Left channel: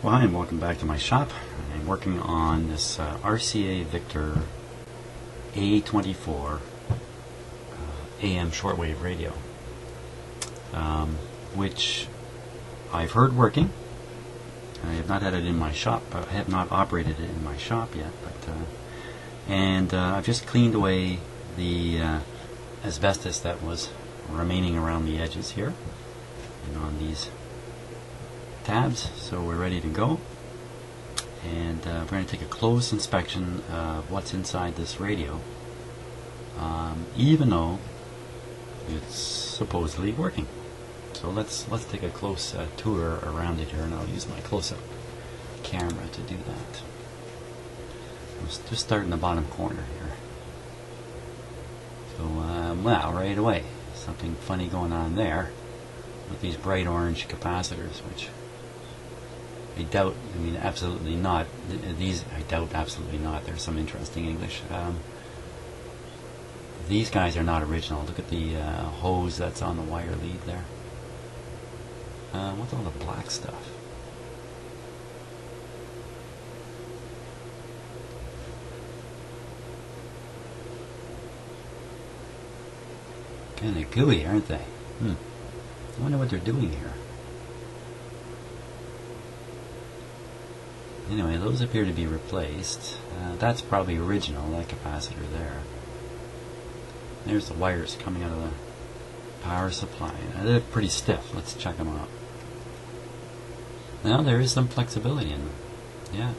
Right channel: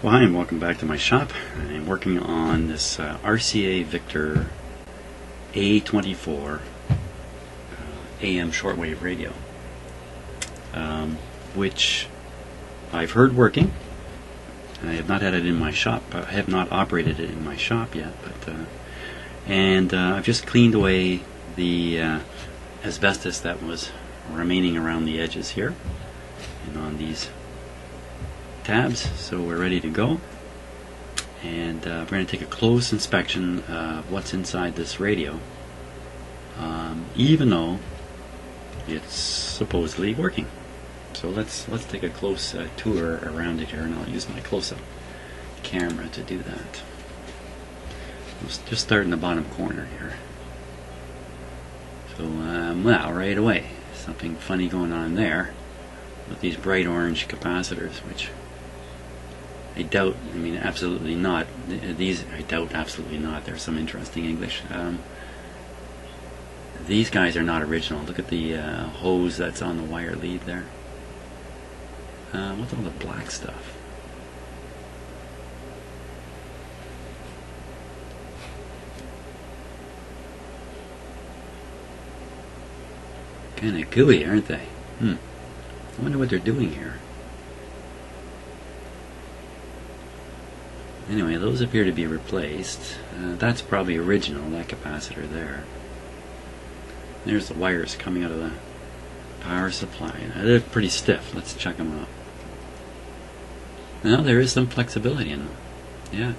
Well, hi and welcome back to my shop. I'm working on this RCA Victor A24 AM shortwave radio, which I've heard working. I have not had it in my shop. I have not operated it in my shop yet, but I've just cleaned away the asbestos that was remaining around the edges here and on these tabs, so we're ready to go, and we're going to take a close inspection of what's inside this radio, even though it's supposedly working. So let's take a close tour around it here, and I'll use my close-up camera to do that. Let's just start in the bottom corner here. So well, right away, something funny going on there with these bright orange capacitors, which I doubt, absolutely not. These, I doubt absolutely not. There's some interesting English. These guys are not original. Look at the hose that's on the wire lead there. What's all the black stuff? Kind of gooey, aren't they? I wonder what they're doing here. Anyway, those appear to be replaced. That's probably original, that capacitor there. There's the wires coming out of the power supply. They're pretty stiff. Let's check them out. Now there is some flexibility in them. Yeah.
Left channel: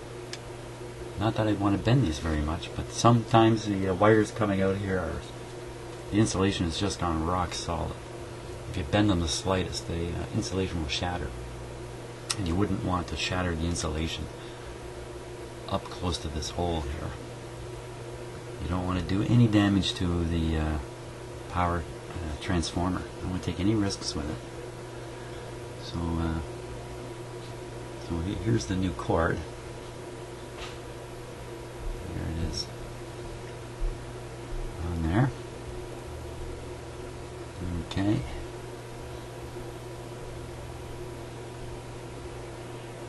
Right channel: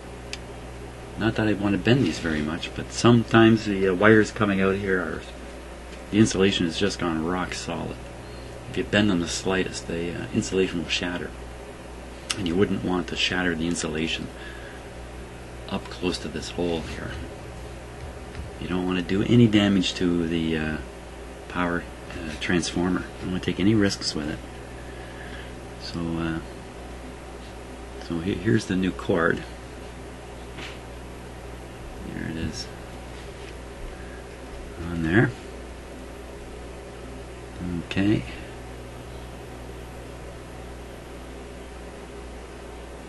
Not that I want to bend these very much, but sometimes the wires coming out here are... The insulation has just gone rock solid. If you bend them the slightest, the insulation will shatter. And you wouldn't want to shatter the insulation up close to this hole here. You don't want to do any damage to the power transformer. You don't want to take any risks with it. So, here's the new cord. Here it is. On there. Okay.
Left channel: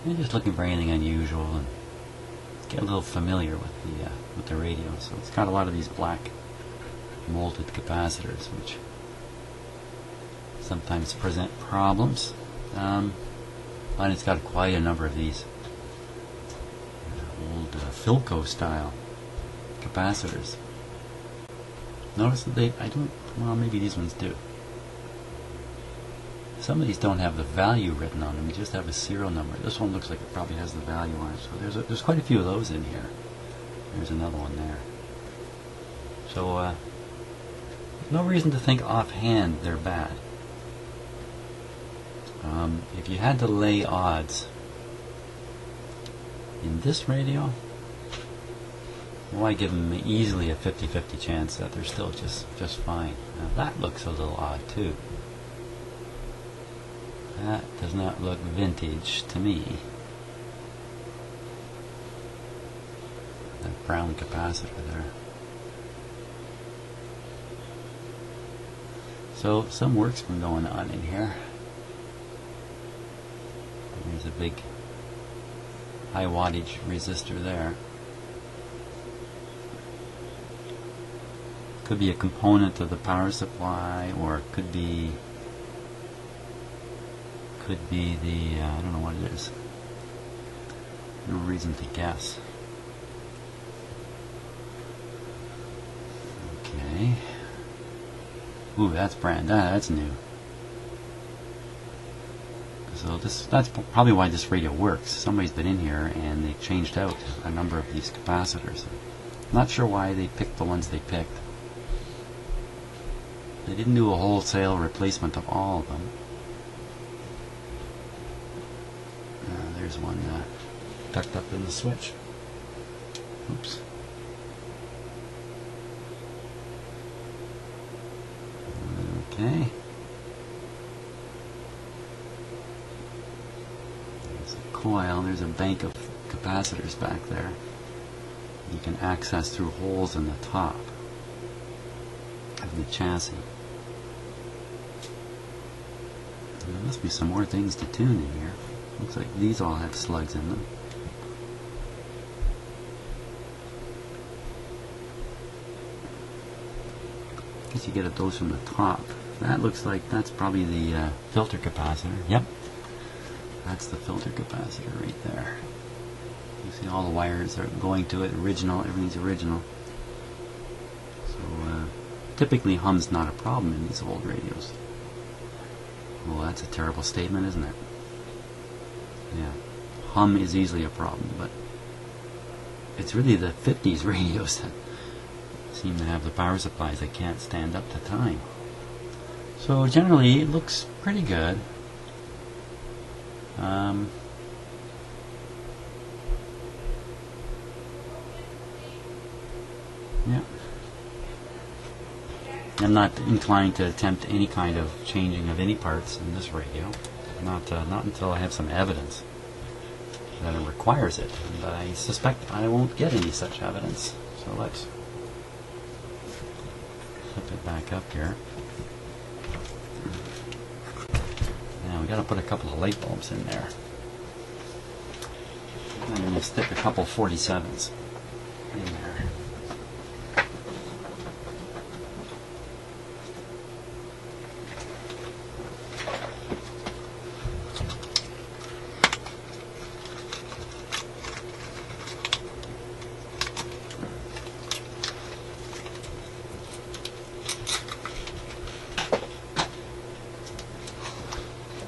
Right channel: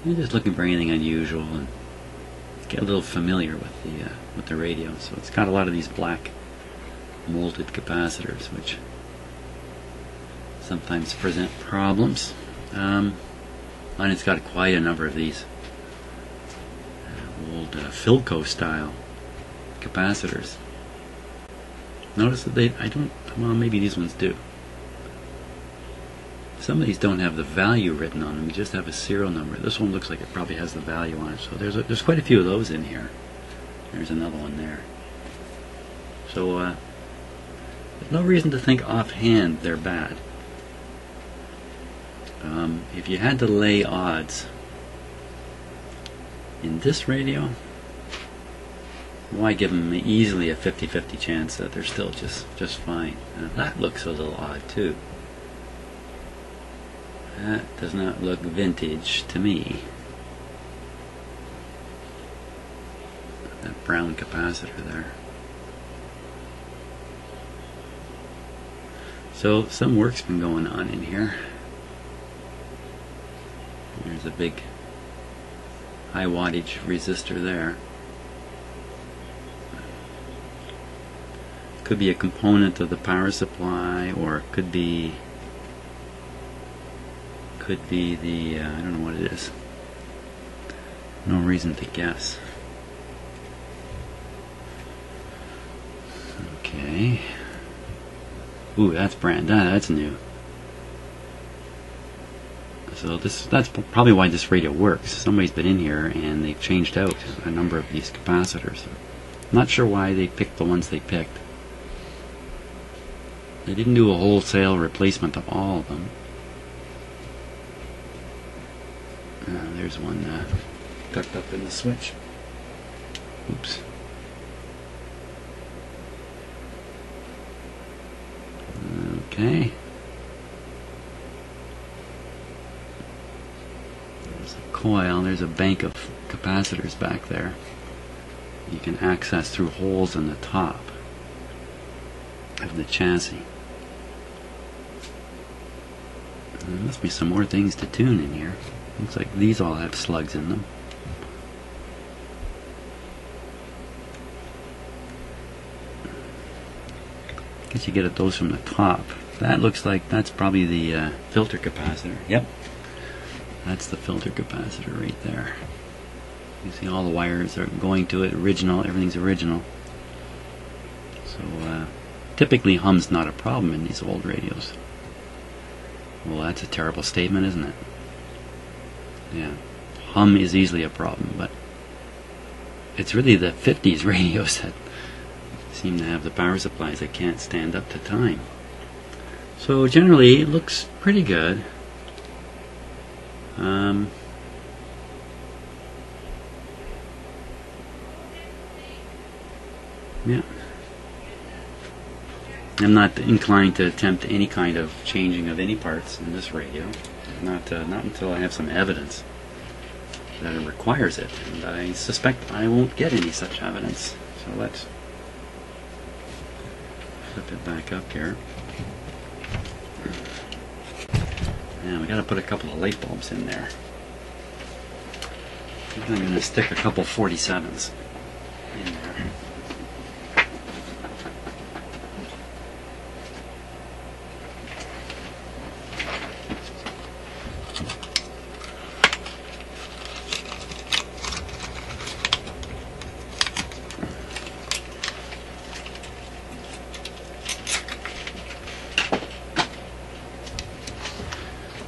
I'm just looking for anything unusual and get a little familiar with the radio. So it's got a lot of these black molded capacitors, which sometimes present problems. And it's got quite a number of these old Philco style capacitors. Notice that they, well, maybe these ones do. Some of these don't have the value written on them, you just have a serial number. This one looks like it probably has the value on it, so there's quite a few of those in here. There's another one there. So there's no reason to think offhand they're bad. If you had to lay odds in this radio, why give them easily a 50-50 chance that they're still just fine. That looks a little odd too. That does not look vintage to me. That brown capacitor there. So some work's been going on in here. There's a big high wattage resistor there. Could be a component of the power supply, or it could be the I don't know what it is. No reason to guess. Okay. Ooh, that's that's new. So that's probably why this radio works. Somebody's been in here and they changed out a number of these capacitors. I'm not sure why they picked the ones they picked. They didn't do a wholesale replacement of all of them. There's one tucked up in the switch. Oops. Okay. There's a coil. There's a bank of capacitors back there. You can access through holes in the top of the chassis. There must be some more things to tune in here. Looks like these all have slugs in them. I guess you get at those from the top. That looks like that's probably the filter capacitor. Yep. That's the filter capacitor right there. You see all the wires are going to it, original, everything's original. So typically hum's not a problem in these old radios. Well, that's a terrible statement, isn't it? Yeah. Hum is easily a problem, but it's really the 50s radios that seem to have the power supplies that can't stand up to time. So generally it looks pretty good. Yeah. I'm not inclined to attempt any kind of changing of any parts in this radio. Not until I have some evidence that it requires it. And I suspect I won't get any such evidence. So let's flip it back up here. Now we got to put a couple of light bulbs in there. I think I'm going to stick a couple 47s in there.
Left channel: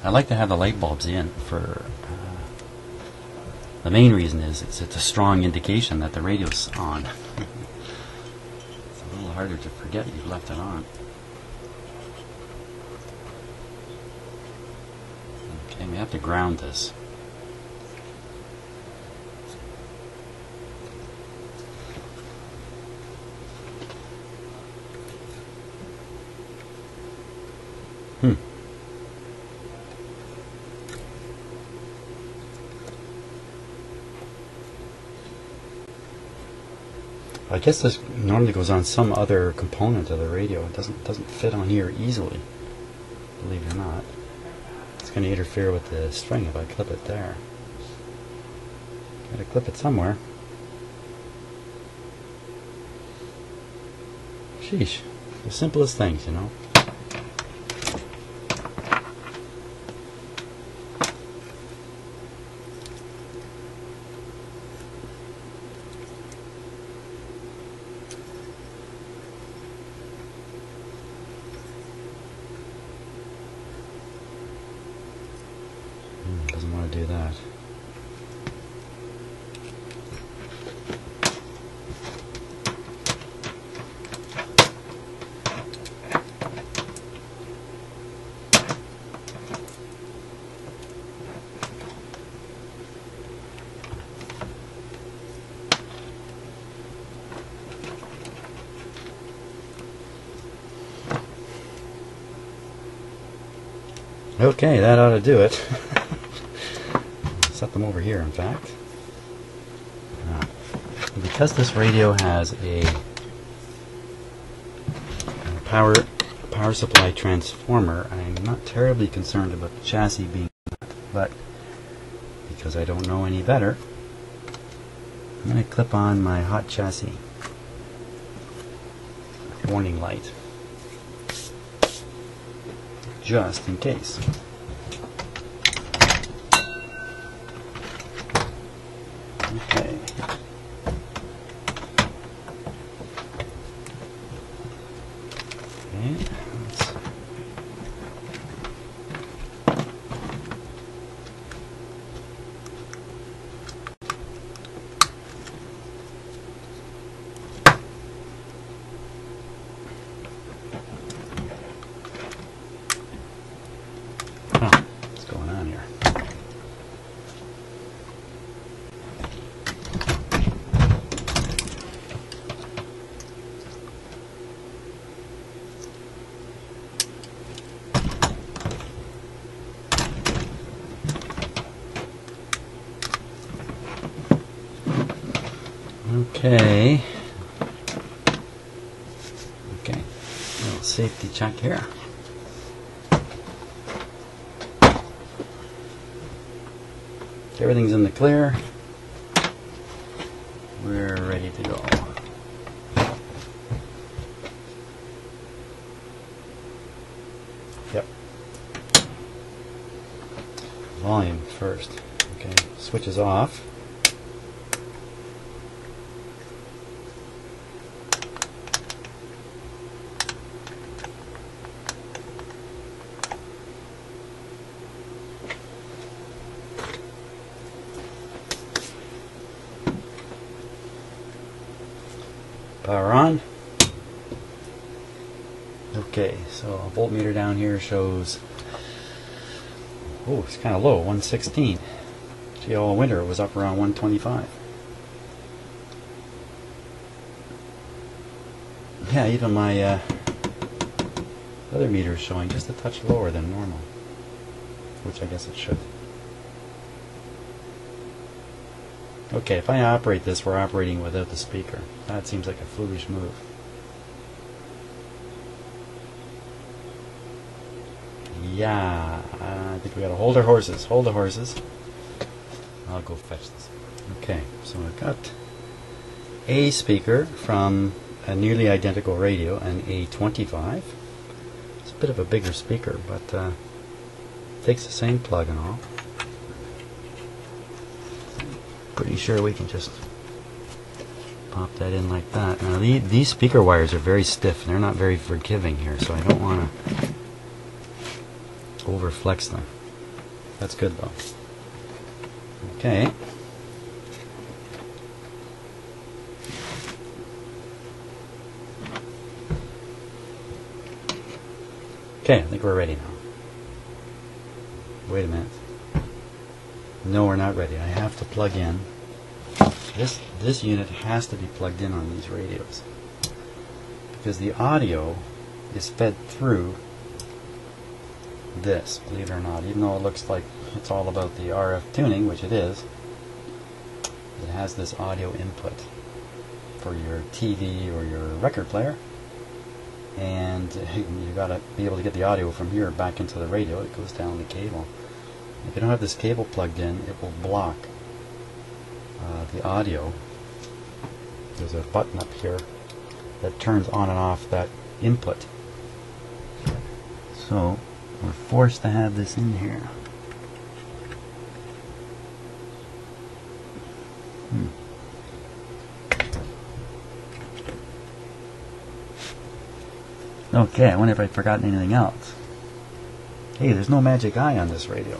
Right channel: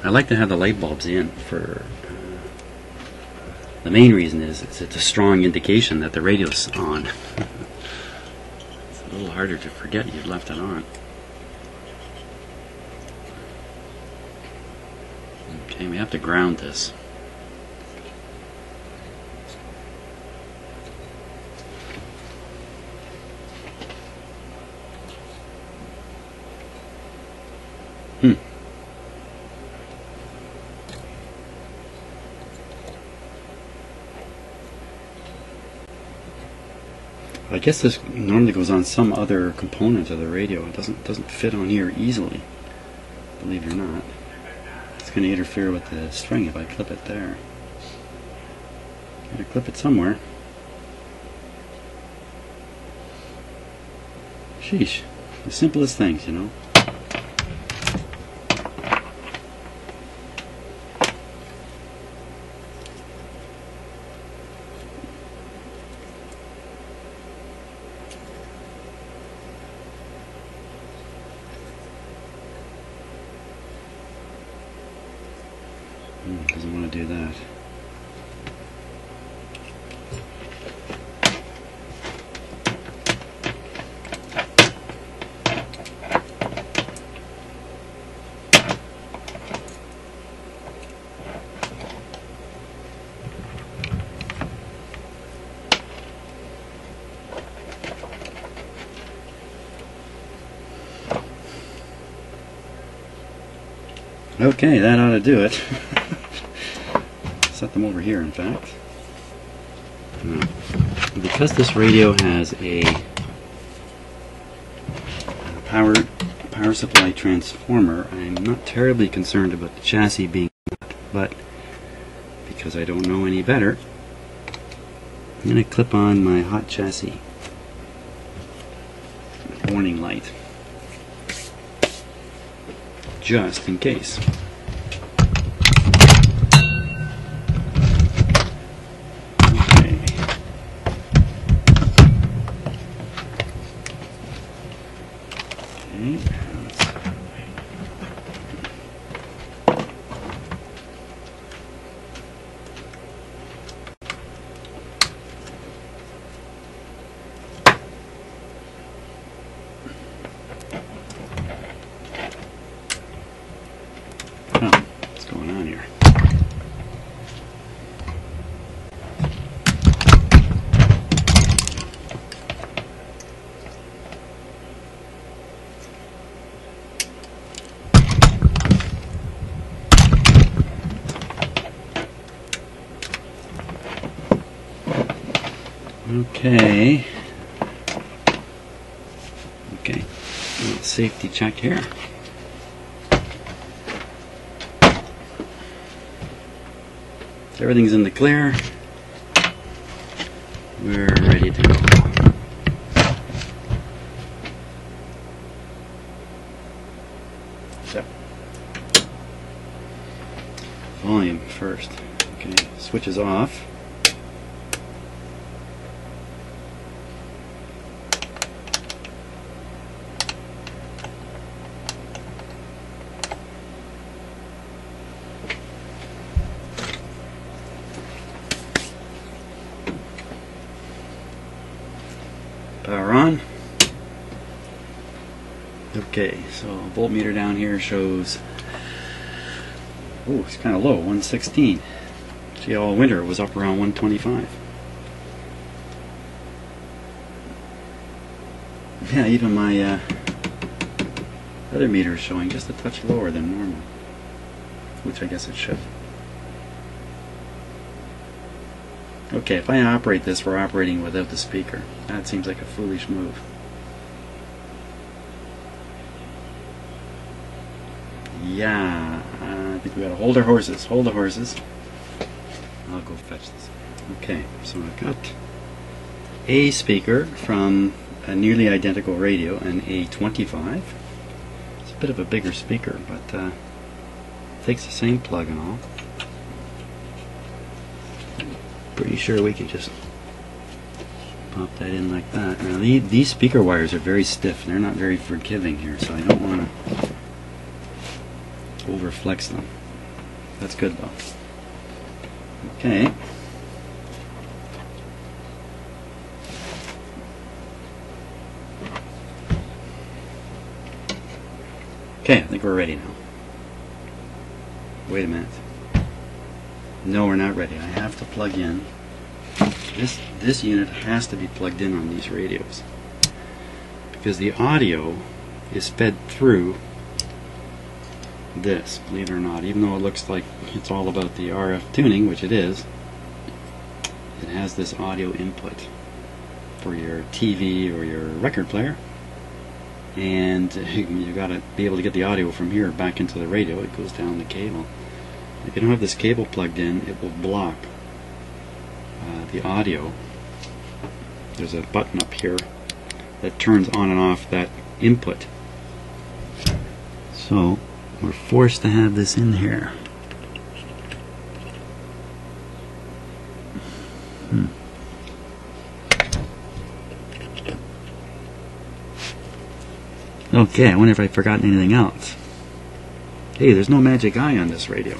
I like to have the light bulbs in for the main reason is it's a strong indication that the radio's on. It's a little harder to forget you'd left it on. Okay, we have to ground this. I guess this normally goes on some other component of the radio. It doesn't fit on here easily, believe it or not. It's going to interfere with the string if I clip it there. Gotta clip it somewhere. Sheesh, the simplest things, you know. Doesn't want to do that. Okay, that ought to do it. Set them over here, in fact. Because this radio has a power supply transformer, I'm not terribly concerned about the chassis being cut, but because I don't know any better, I'm going to clip on my hot chassis warning light, just in case. What's going on here? Okay. Okay. A little safety check here. everything's in the clear, we're ready to go. So, volume first. Okay, switch is off. Power on. Okay, so voltmeter down here shows, oh, it's kind of low, 116. See, all winter it was up around 125. Yeah, even my other meter is showing just a touch lower than normal, which I guess it should. Okay, if I operate this, we're operating without the speaker. That seems like a foolish move. Yeah, I think we gotta hold our horses. Hold the horses. I'll go fetch this. Okay, so I've got a speaker from a nearly identical radio, an A24. It's a bit of a bigger speaker, but takes the same plug and all. Pretty sure we can just pop that in like that. Now these speaker wires are very stiff. They're not very forgiving here, so I don't want to overflex them. That's good though. Okay. Okay, I think we're ready now. Wait a minute. No, we're not ready. I have to plug in. This unit has to be plugged in on these radios because the audio is fed through this, believe it or not. Even though it looks like it's all about the RF tuning, which it is, it has this audio input for your TV or your record player, and you got to be able to get the audio from here back into the radio. It goes down the cable. If you don't have this cable plugged in, it will block the audio. There's a button up here that turns on and off that input. So we're forced to have this in here. Okay, I wonder if I've forgotten anything else. Hey, there's no magic eye on this radio.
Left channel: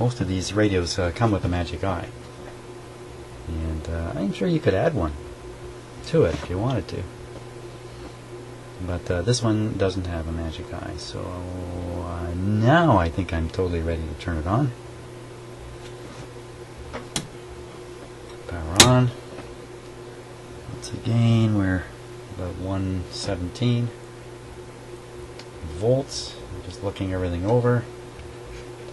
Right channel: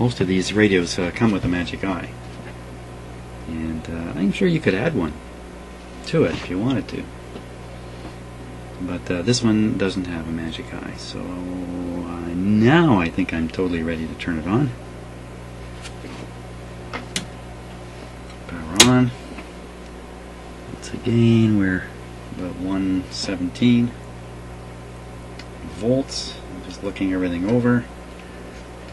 Most of these radios come with a magic eye, and I'm sure you could add one to it if you wanted to, but this one doesn't have a magic eye. So now I think I'm totally ready to turn it on. Power on. Once again, we're about 117 volts. I'm just looking everything over.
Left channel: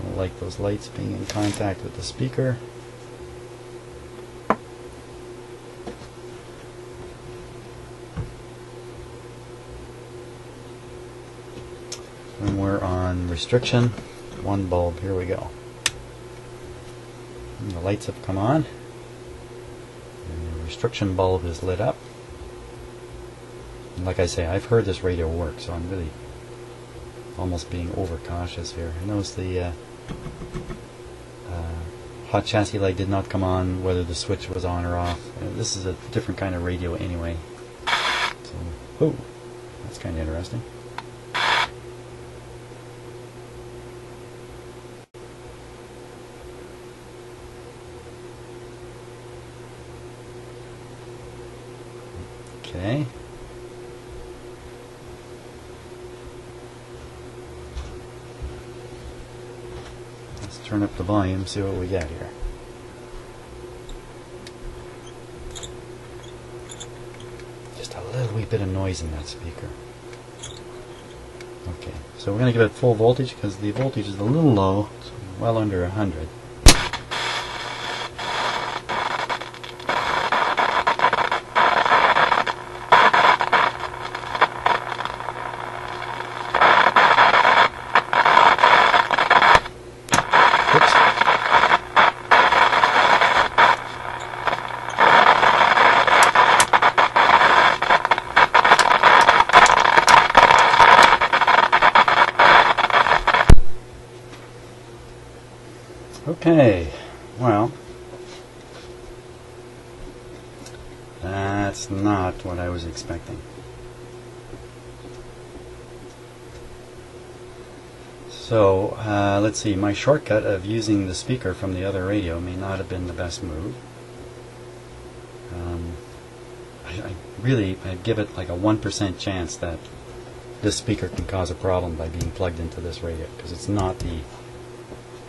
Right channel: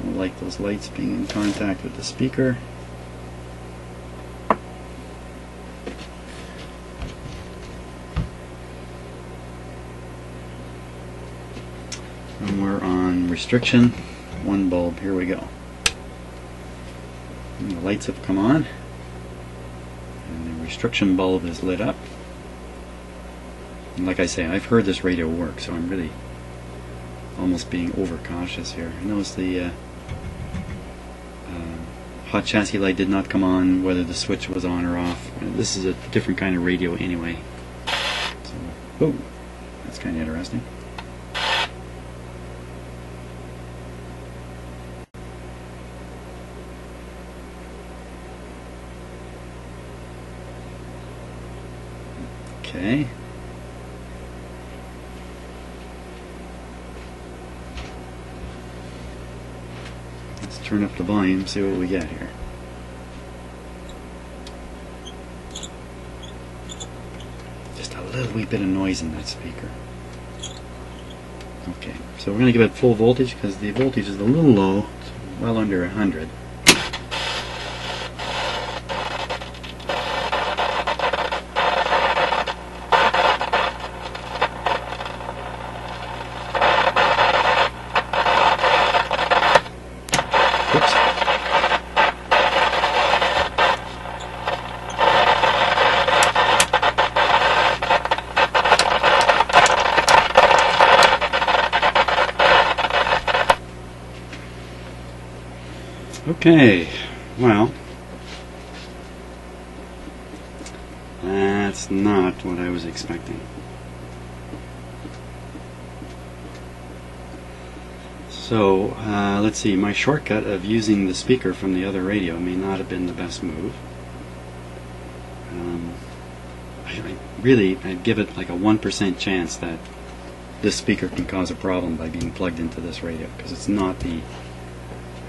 Don't like those lights being in contact with the speaker. And we're on restriction, one bulb. Here we go. And the lights have come on, and the restriction bulb is lit up. And like I say, I've heard this radio work, so I'm really almost being overcautious here. I notice the hot chassis light did not come on, whether the switch was on or off. This is a different kind of radio anyway. So, oh, that's kind of interesting. Okay. Turn up the volume, see what we get here. Just a little wee bit of noise in that speaker. Okay, so we're going to give it full voltage because the voltage is a little low. It's well under 100. Okay, well, that's not what I was expecting. So, let's see, my shortcut of using the speaker from the other radio may not have been the best move. I'd give it like a 1% chance that this speaker can cause a problem by being plugged into this radio, because it's not the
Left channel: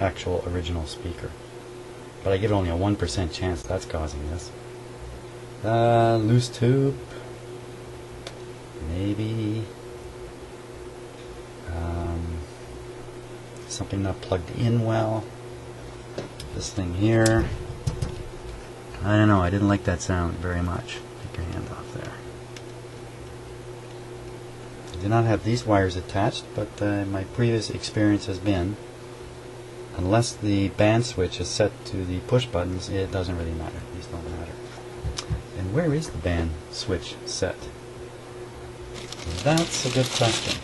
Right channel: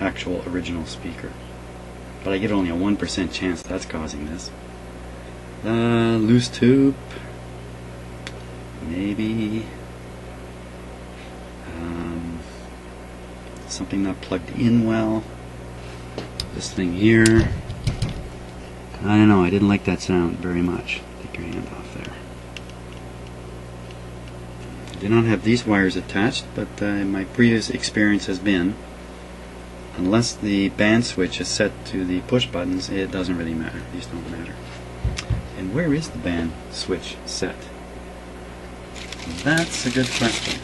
actual original speaker. But I give it only a 1% chance that's causing this. Loose tube, maybe. Something not plugged in well. This thing here, I don't know, I didn't like that sound very much. Take your hand off there. I do not have these wires attached, but my previous experience has been, unless the band switch is set to the push buttons, it doesn't really matter. These don't matter. And where is the band switch set? That's a good question.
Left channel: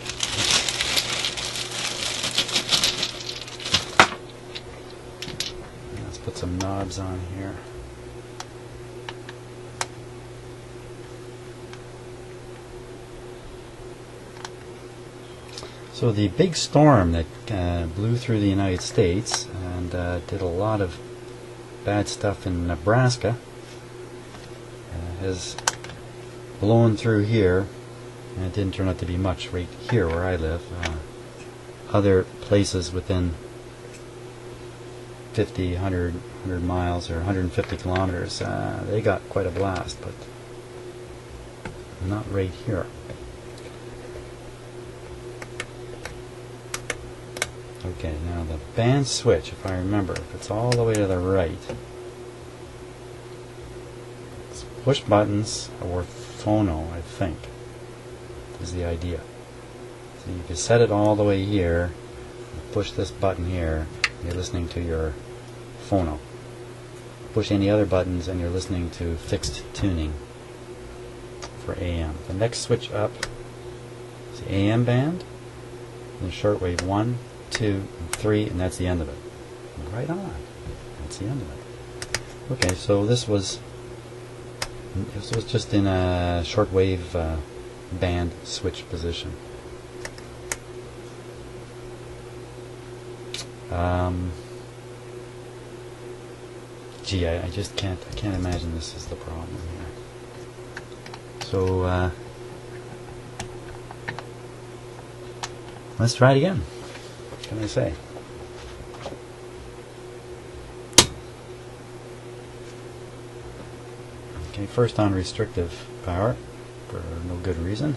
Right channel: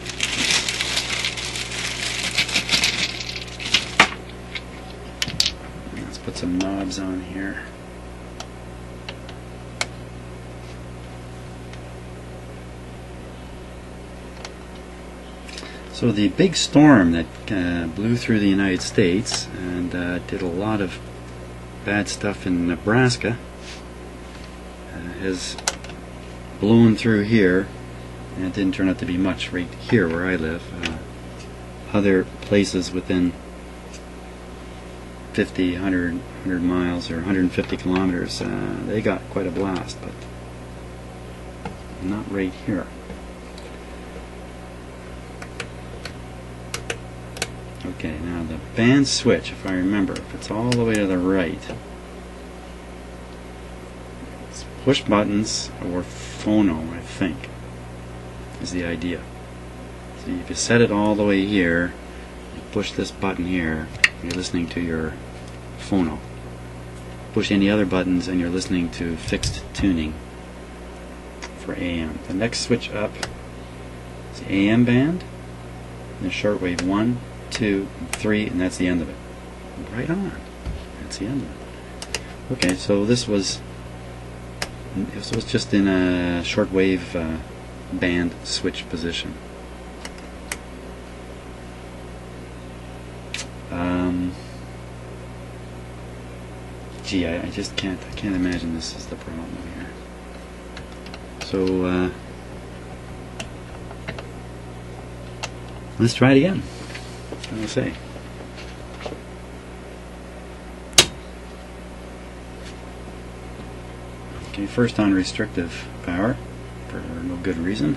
Let's put some knobs on here. So the big storm that blew through the United States and did a lot of bad stuff in Nebraska has blown through here, and it didn't turn out to be much right here where I live. Other places within 50, 100 miles or 150 kilometers, they got quite a blast, but not right here. Okay, now the band switch, if I remember, if it's all the way to the right, it's push buttons or phono, I think, is the idea. So if you set it all the way here, push this button here, you're listening to your phono. Push any other buttons and you're listening to fixed tuning for AM. The next switch up is the AM band, and shortwave 1, 2, 3, and that's the end of it. Right on. That's the end of it. Okay, so this was just in a shortwave band switch position. Gee, I just can't imagine this is the problem here. So let's try it again. What can I say? Okay, first on restrictive power for no good reason.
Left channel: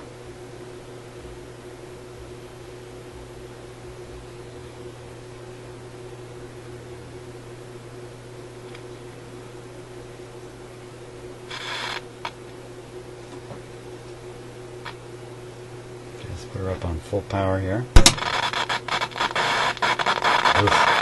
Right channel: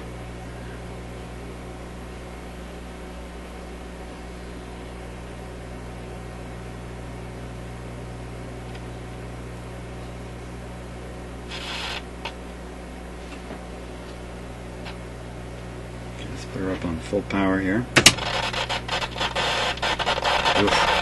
Let's put her up on full power here. Oof.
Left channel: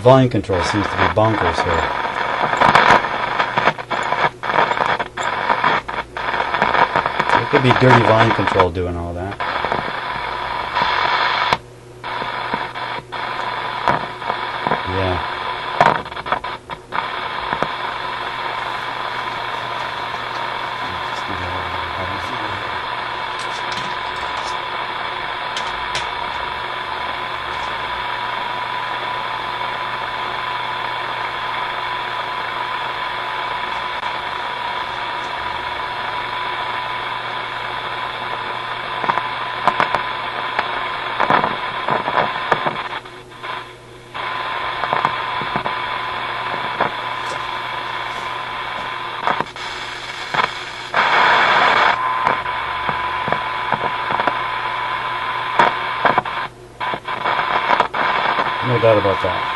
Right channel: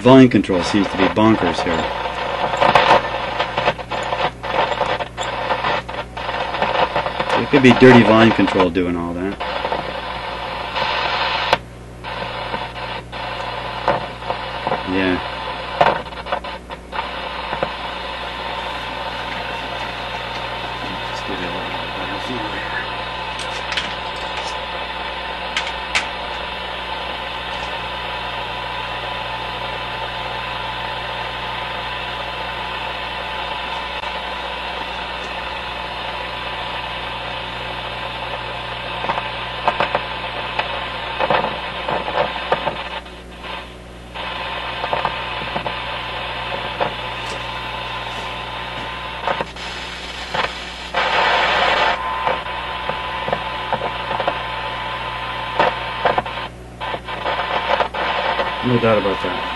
Volume control seems to be bonkers here. So it could be dirty volume control doing all that. Yeah. Just give you a little bit of a better view here. doubt about that.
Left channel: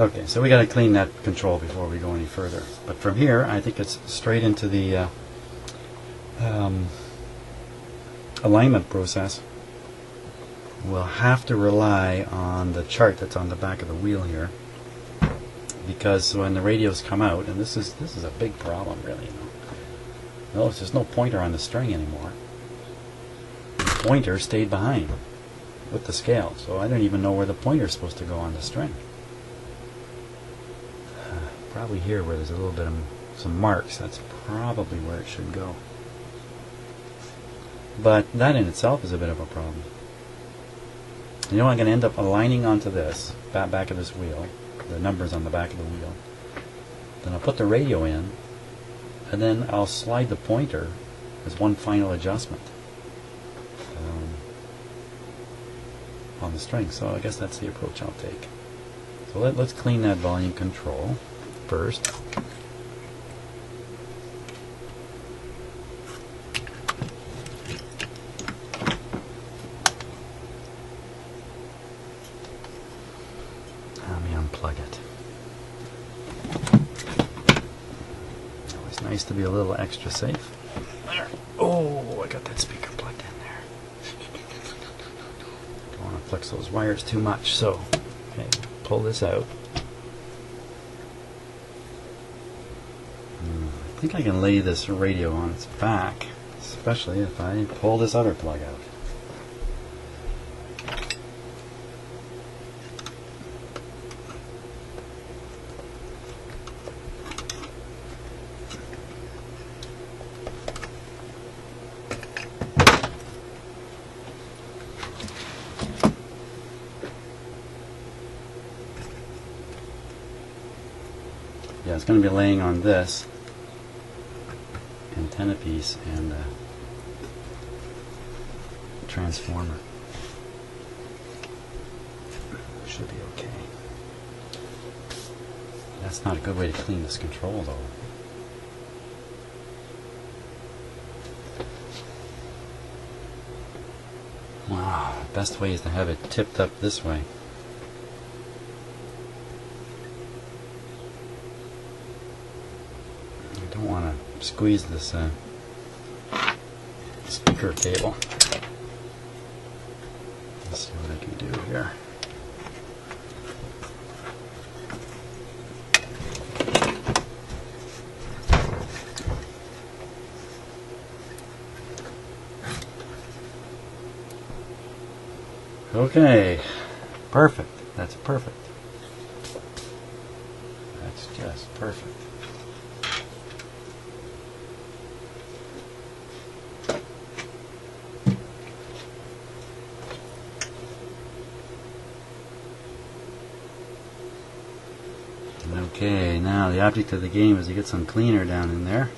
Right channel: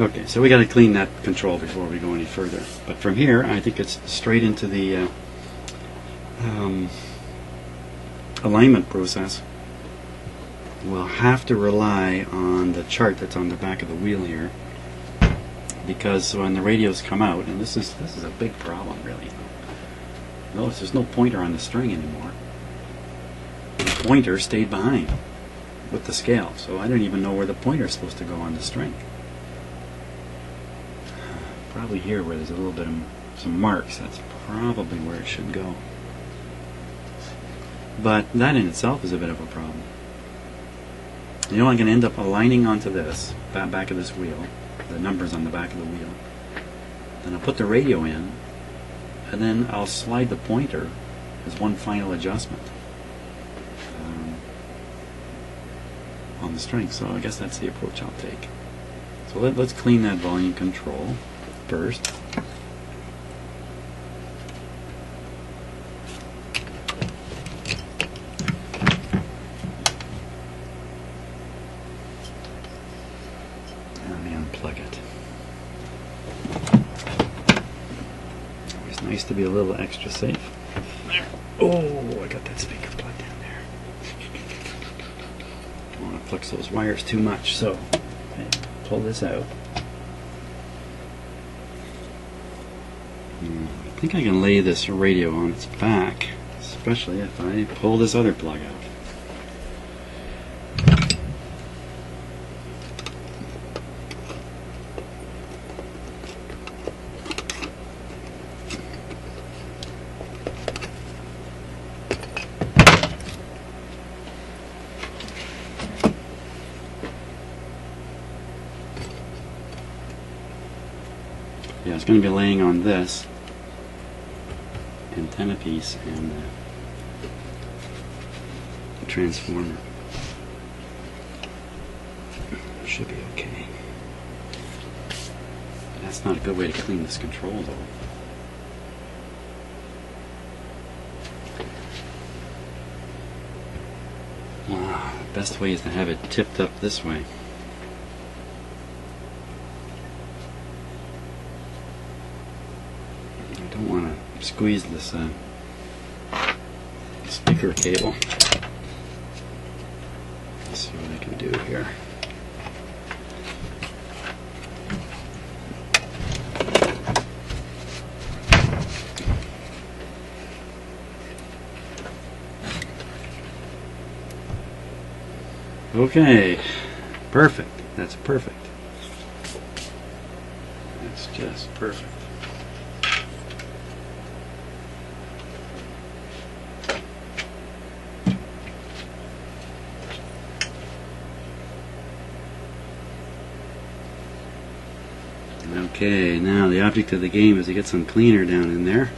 Okay, so we got to clean that control before we go any further. But from here, I think it's straight into the alignment process. We'll have to rely on the chart that's on the back of the wheel here, because when the radios come out, and this is a big problem really. Well, there's no pointer on the string anymore. The pointer stayed behind with the scale, so I don't even know where the pointer is supposed to go on the string. Probably here where there's a little bit of some marks. That's probably where it should go. But that in itself is a bit of a problem. You know, I'm going to end up aligning onto this, back of this wheel, the numbers on the back of the wheel. Then I'll put the radio in, and then I'll slide the pointer as one final adjustment on the string. So I guess that's the approach I'll take. So let's clean that volume control first. Let me unplug it. It's nice to be a little extra safe. There. Oh, I got that speaker plugged in there. Don't want to flex those wires too much, so okay, pull this out. I think I can lay this radio on its back, especially if I pull this other plug out. Yeah, it's going to be laying on this antenna piece and transformer. Should be okay. That's not a good way to clean this control though. Wow, the best way is to have it tipped up this way. I don't want to squeeze this speaker cable. Let's see what I can do here. Okay, perfect. That's perfect. That's just perfect. Okay, now the object of the game is to get some cleaner down in there.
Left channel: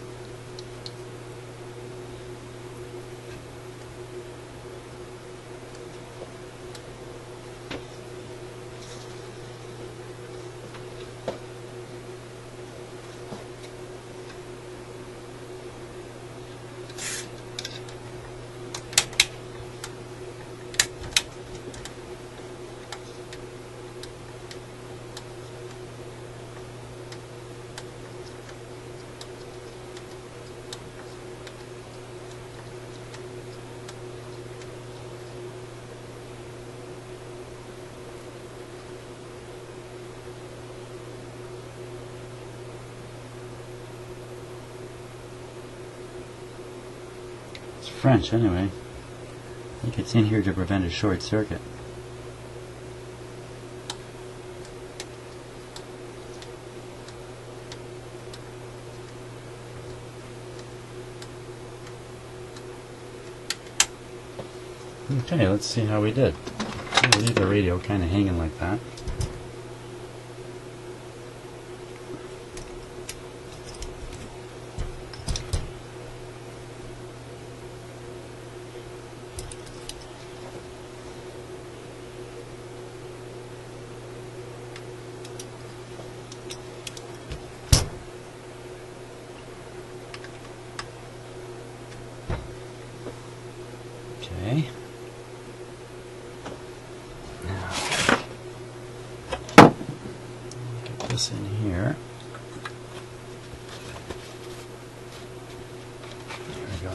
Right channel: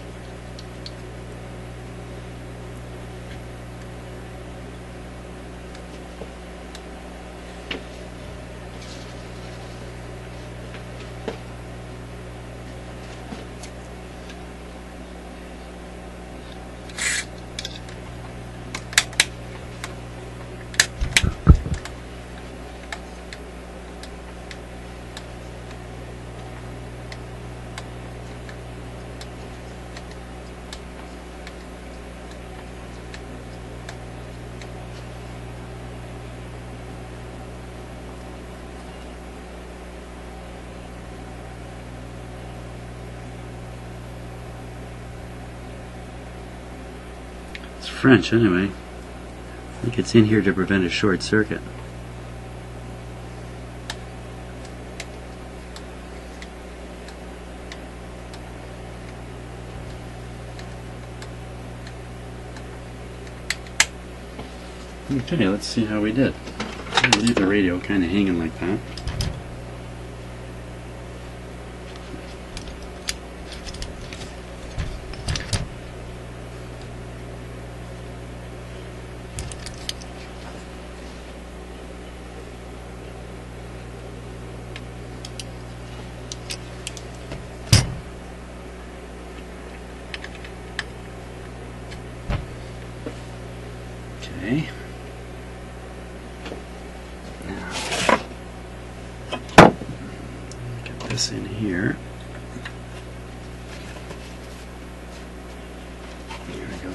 French anyway. I think it's in here to prevent a short circuit. Okay, let's see how we did. I'll leave the radio kind of hanging like that. we go.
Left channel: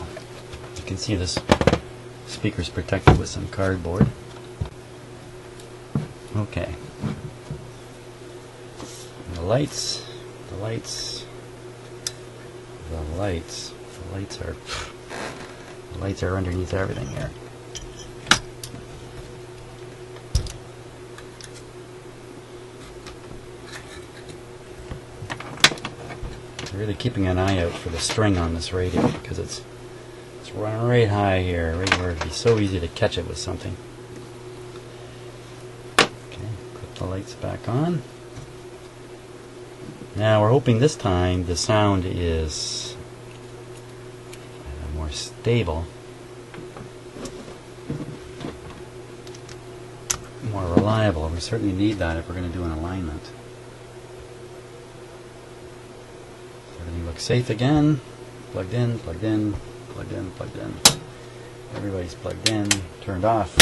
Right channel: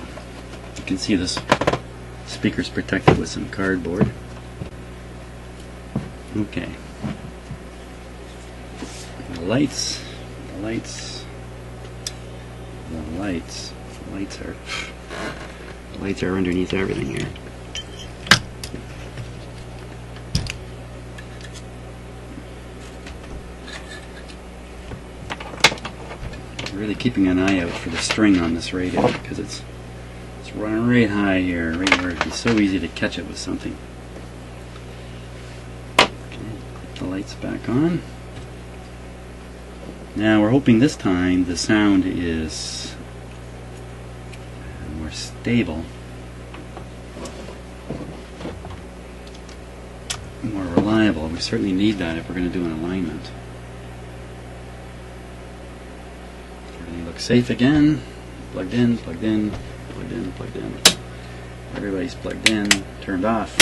You can see this speaker's protected with some cardboard. Okay. The lights are underneath everything here. Really keeping an eye out for the string on this radio because it's running right high here, right where it'd be so easy to catch it with something. Okay, put the lights back on. Now we're hoping this time the sound is more stable, more reliable. We certainly need that if we're going to do an alignment. Everything looks safe again. Plugged in, plugged in, plugged in, plugged in. Everybody's plugged in, turned off.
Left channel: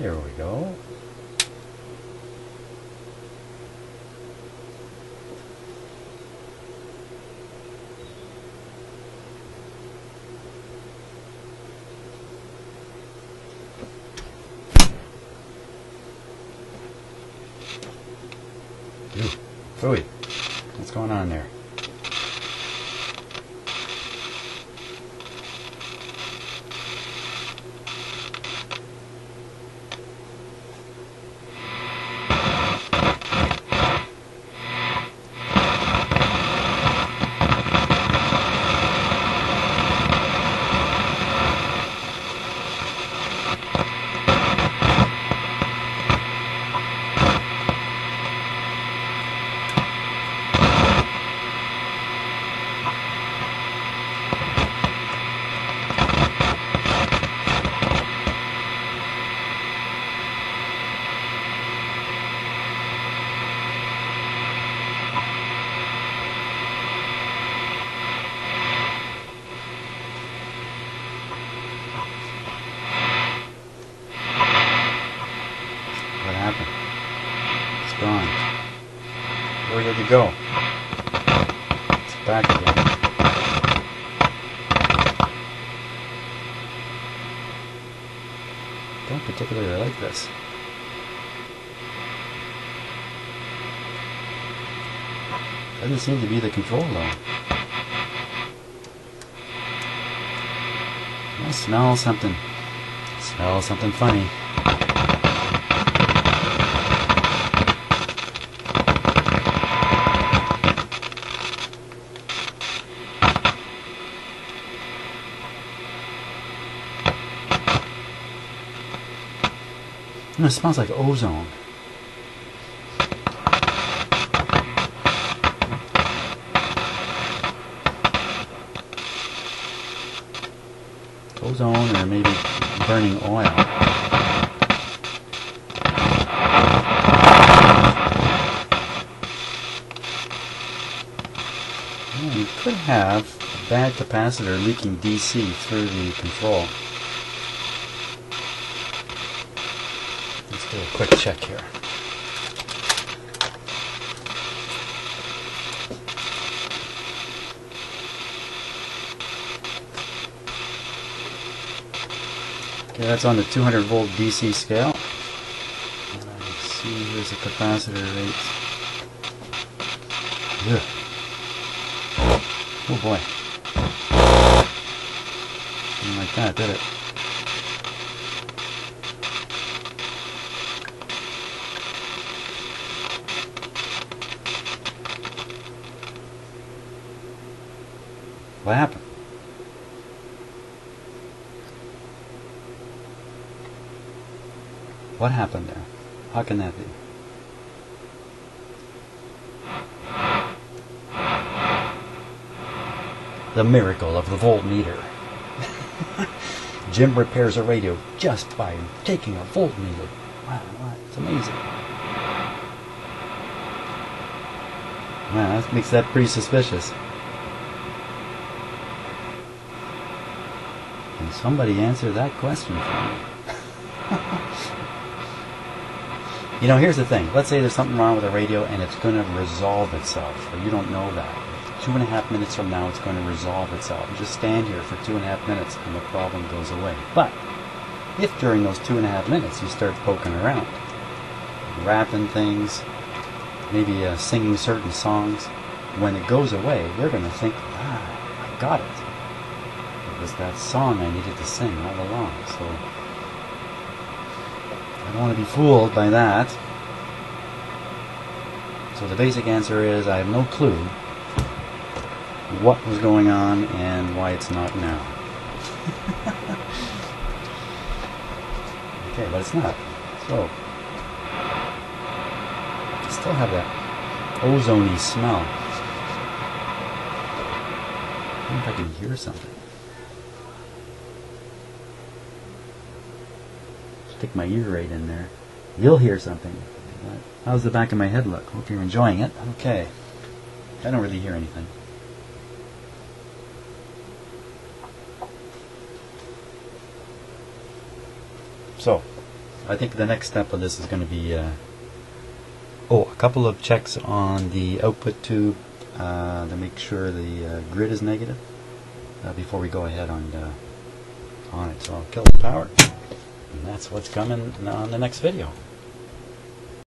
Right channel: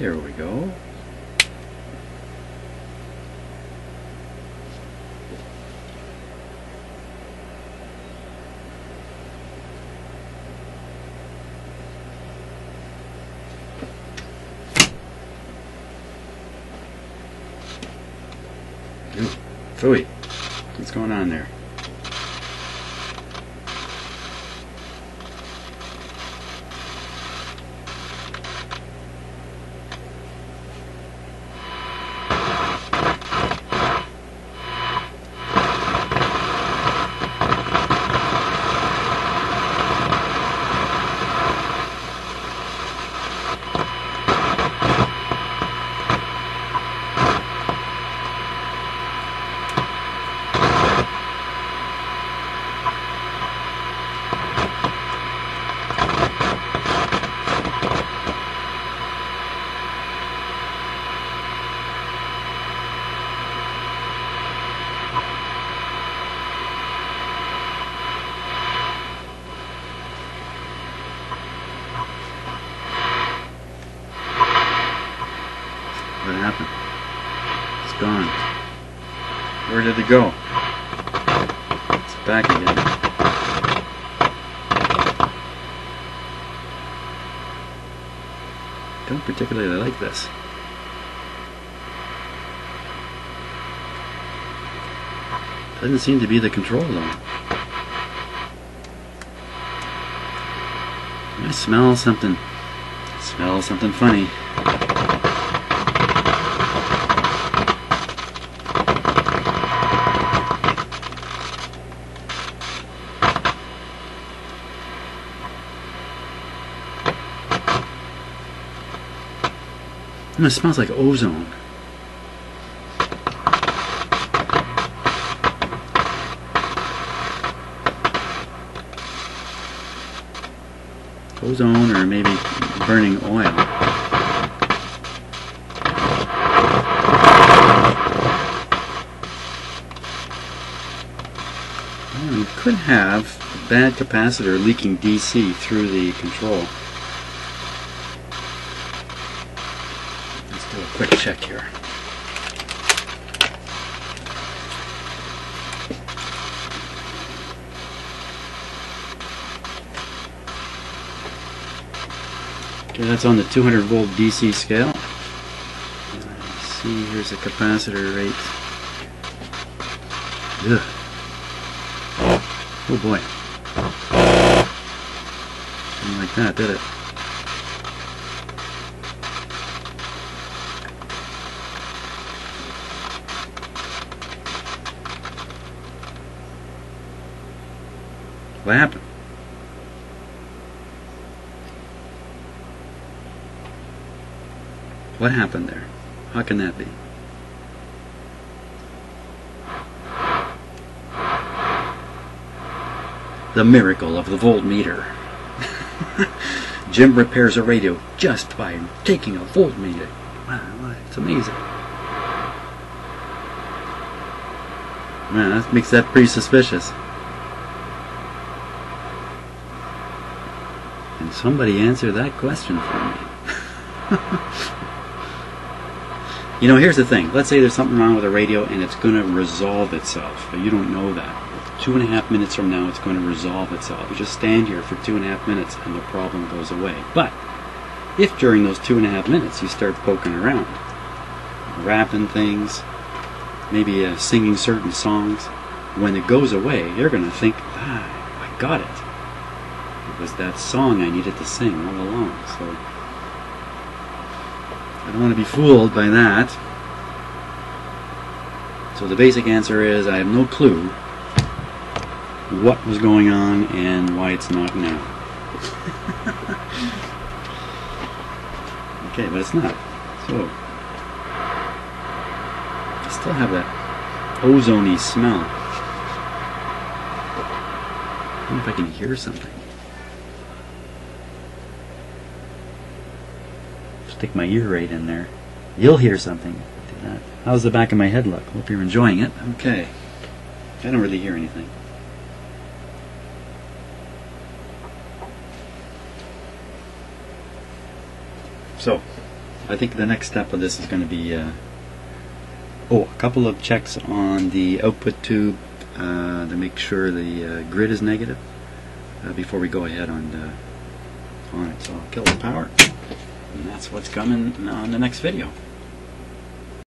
There we go. Phooey. What's going on there? What happened? It's gone. Where did it go? It's back again. Don't particularly like this. Doesn't seem to be the control though. I smell something. Smell something funny. It smells like ozone. Ozone or maybe burning oil. We could have a bad capacitor leaking DC through the control. Do a quick check here. Okay, that's on the 200 volt DC scale. Let's see, here's the capacitor rate. Ugh. Oh boy. Didn't like that, did it? What happened? What happened there? How can that be? The miracle of the voltmeter. Jim repairs a radio just by taking a voltmeter. Wow, it's amazing. Man, that makes that pretty suspicious. Can somebody answer that question for me? You know, here's the thing. Let's say there's something wrong with the radio and it's going to resolve itself. But you don't know that. 2.5 minutes from now it's going to resolve itself. You just stand here for 2.5 minutes and the problem goes away. But if during those 2.5 minutes you start poking around, rapping things, maybe singing certain songs, when it goes away, you're going to think, I got it. It was that song I needed to sing all along. So I don't want to be fooled by that. So the basic answer is I have no clue what was going on and why it's not now. Okay, but it's not. So I still have that ozone-y smell. I wonder if I can hear something. Stick my ear right in there. You'll hear something. Do that. How's the back of my head look? Hope you're enjoying it. Okay. I don't really hear anything. So, I think the next step of this is going to be a couple of checks on the output tube to make sure the grid is negative before we go ahead on it. So I'll kill the power, and that's what's coming on the next video.